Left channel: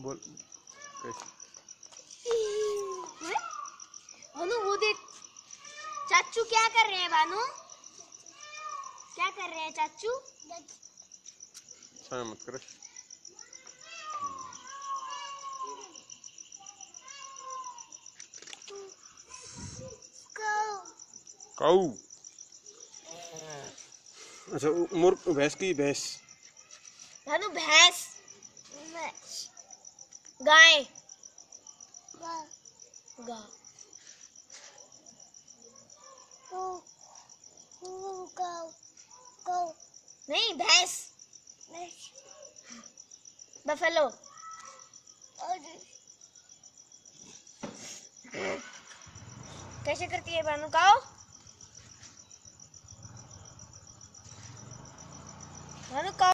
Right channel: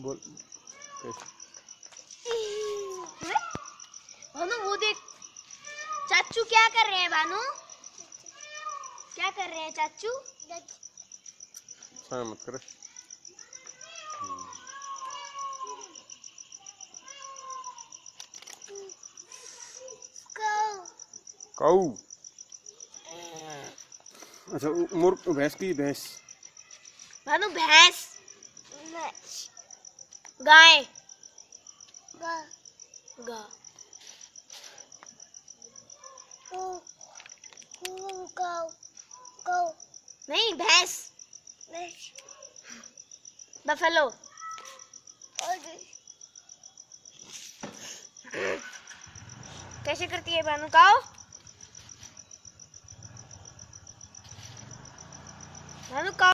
बोल भानु, वो देख चाचू क्या कर रहे हैं। भानु क्या कर रहे हैं चाचू? मत कर। काऊ। अच्छा, मुर्ग भैंस की भैंस। भानु भैंस, गाय, गा, नहीं भैंस, बफेलो। कैसे करती है भानु? काओ, भानु काओ।